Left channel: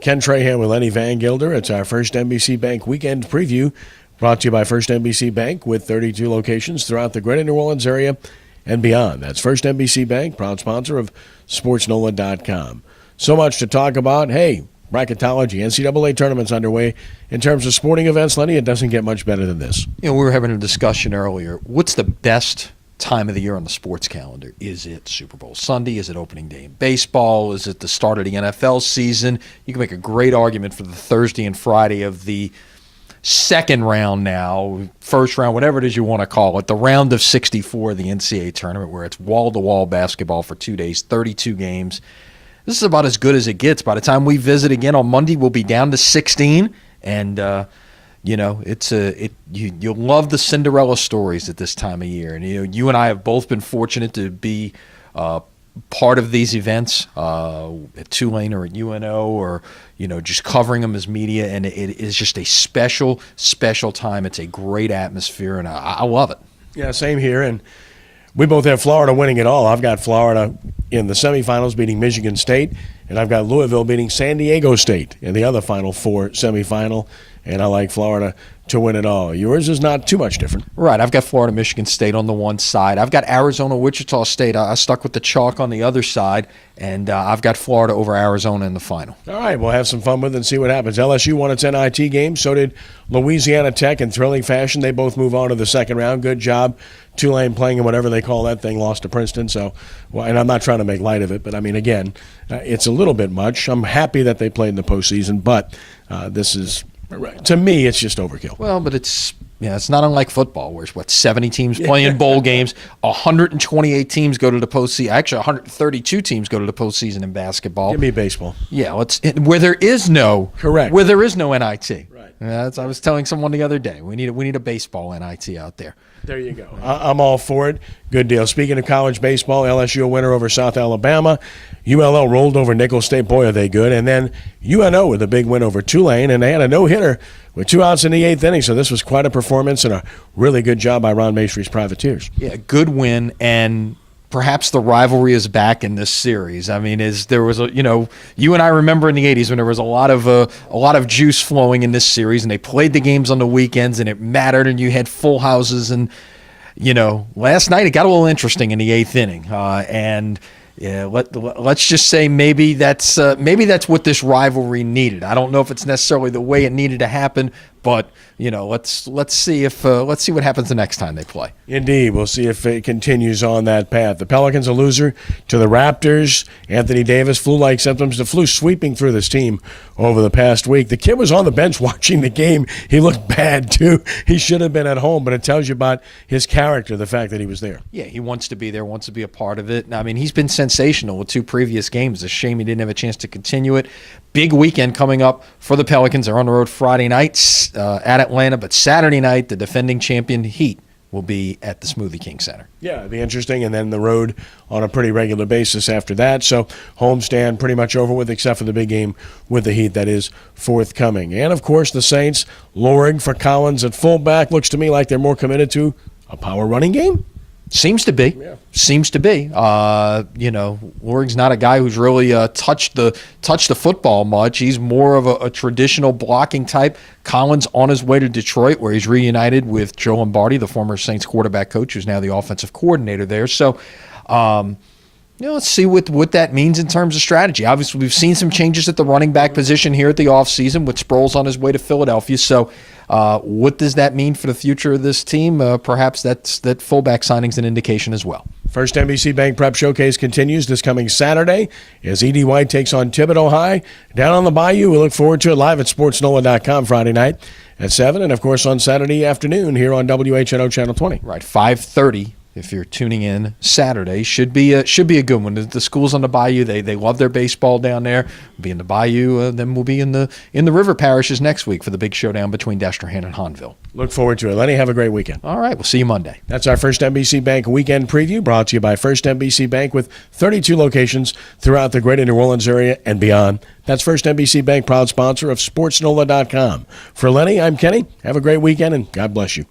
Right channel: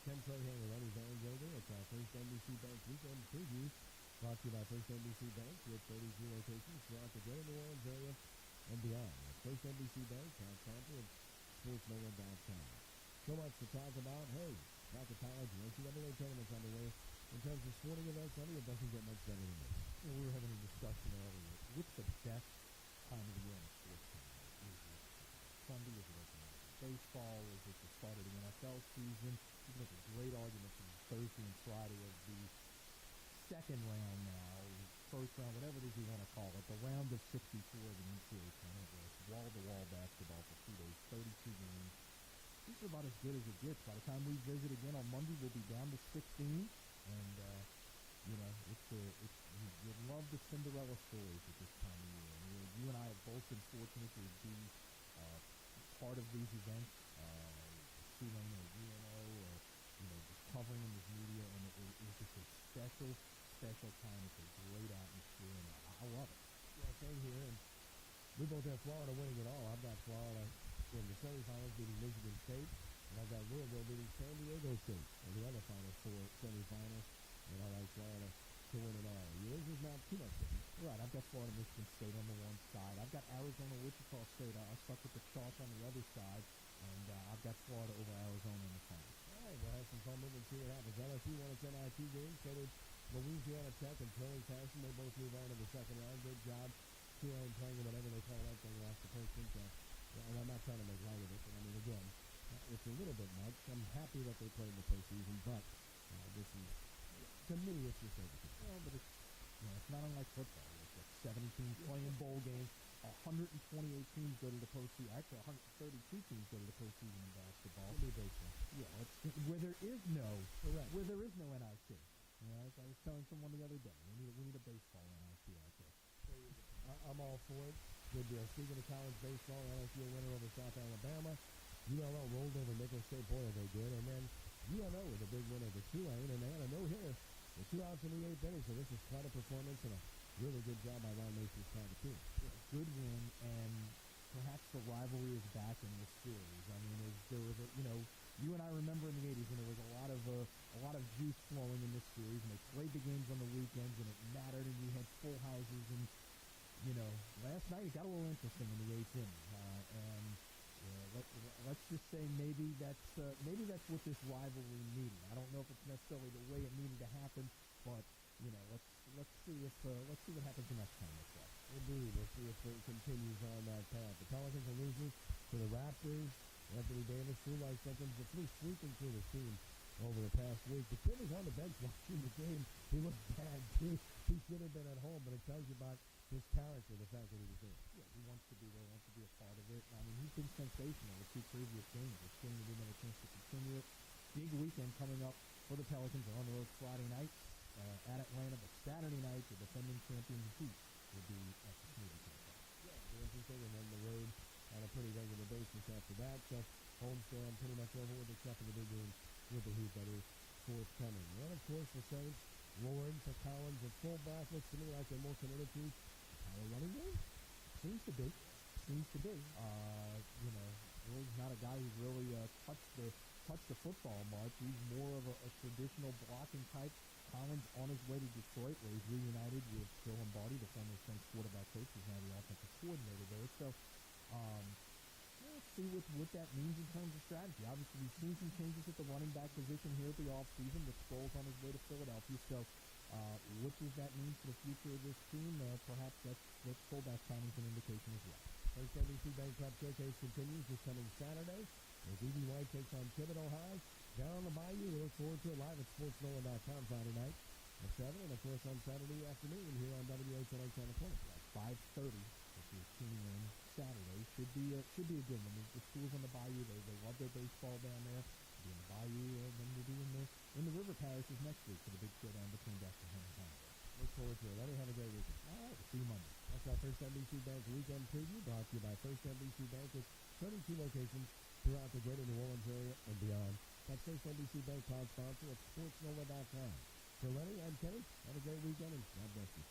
Ken Trahan with Lenny Vangilder. It's our First NBC Bank Weekend Preview, brought to you by First NBC Bank with 32 locations throughout the greater New Orleans area and beyond. That's First NBC Bank, proud sponsor of SportsNola.com. So much to talk about. Hey, bracketology, NCAA tournaments underway. In terms of sporting events, Lenny, it doesn't get much better than this. We were having a discussion earlier. What's the best time of the year on the sports calendar? Is it Super Bowl Sunday? Is it opening day in baseball? Is it the start of the NFL season? You can make a great argument for the Thursday and Friday of the second round now, first round, whatever it is you want to call it, the round of 64 of the NCAA tournament, where it's wall-to-wall basketball for 2 days, 32 games. This is about as good as it gets. By the time we visit again on Monday, we'll be down to 16, and you'll love the Cinderella stories at this time of year. And you and I have both been fortunate to be part of these events at Tulane or at UNO, or just covering them as media, and it is just a special, special time. It's a great atmosphere, and I love it. Yeah, same here. And we both have Florida winning it all. I've got Florida in the semifinals beating Michigan State, and I've got Louisville beating San Diego State in the other Final Four semifinal, and I like Florida to win it all. Yours is not too much different. Right. I've got Florida, Michigan State on the one side. I've got Arizona, Wichita State. I stuck with the chalk on the other side, and I've got Florida over Arizona in the final. All right, we'll have some fun with it and see what happens. LSU won its NIT game. So did Louisiana Tech in thrilling fashion. They both move on to the second round. Good job. Tulane playing in whatever they call that thing, lost to Princeton. So, and I'm not trying to make light of it, but I mean, again, it's a little bit much. I'm happy that they played in the postseason, but this is, to me, it's just overkill. Well, but it's not unlike football, where 70 teams playing bowl games, 128 teams go to the postseason. Actually, 132 teams go to the postseason in basketball. Give me baseball. Yeah, where there is no NIT. Right. I was telling someone the other day, we need a baseball NIT out there. There you go. I'm all for it. Good deal. Speaking of college baseball, LSU a winner over South Alabama. ULL rolled over Nicholls State. Boy, are they good. And then UNO with a big win over Tulane, and they had a no-hitter with 2 outs in the 8th inning. So this was quite a performance and a really good job by Ron Maestry's Privateers. Yeah, good win, and perhaps the rivalry is back in this series. I mean, you and I remember in the 80s when there was a lot of juice flowing in this series, and they played the games on the weekends, and it mattered, and you had full houses. And last night it got a little interesting in the 8th inning, and let's just say maybe that's what this rivalry needed. I don't know if it's necessarily the way it needed to happen, but let's see what happens the next time they play. Indeed, we'll see if it continues on that path. The Pelicans a loser to the Raptors. Anthony Davis, flu-like symptoms. The flu sweeping through this team over the past week. The kid was on the bench watching the game. He looked bad too. He should have been at home, but it tells you about his character, the fact that he was there. Yeah, he wants to be there, wants to be a part of it. I mean, he's been sensational with 2 previous games. It's a shame he didn't have a chance to continue it. Big weekend coming up for the Pelicans. They're on the road Friday night at Atlanta, but Saturday night, the defending champion Heat will be at the Smoothie King Center. Yeah, it'll be interesting, and then the road on a pretty regular basis after that. So homestand pretty much over with, except for the big game with the Heat that is forthcoming. And, of course, the Saints lowering for Collins at fullback. Looks to me like they're more committed to a power running game. Seems to be. Yeah. Seems to be. Loring's not a guy who's really touched the football much. He's more of a traditional blocking type. Collins on his way to Detroit, where he's reunited with Joe Lombardi, the former Saints quarterback coach, who's now the offensive coordinator there. So, let's see what that means in terms of strategy. Obviously, we've seen some changes at the running back position here at the offseason with Sproles on his way to Philadelphia. So, what does that mean for the future of this team? Perhaps that fullback signing's an indication as well. First NBC Bank Prep Showcase continues this coming Saturday as E.D. White takes on Thibodeau High down on the Bayou. We look forward to it live at SportsNola.com Friday night at 7, and, of course, on Saturday afternoon here on WHNO Channel 20. Right, 5:30. If you're tuning in Saturday, should be a good one. The schools on the Bayou, they love their baseball down there. We'll be in the Bayou, then we'll be in the river parishes next week for the big showdown between Destrehan and Hahnville. Look forward to it. Lenny, have a great weekend. All right, we'll see you Monday. That's our First NBC Bank Weekend Preview, brought to you by First NBC Bank with 32 locations throughout the greater New Orleans area and beyond. That's First NBC Bank, proud sponsor of SportsNola.com. For Lenny, I'm Kenny. Have a great weekend, and God bless you.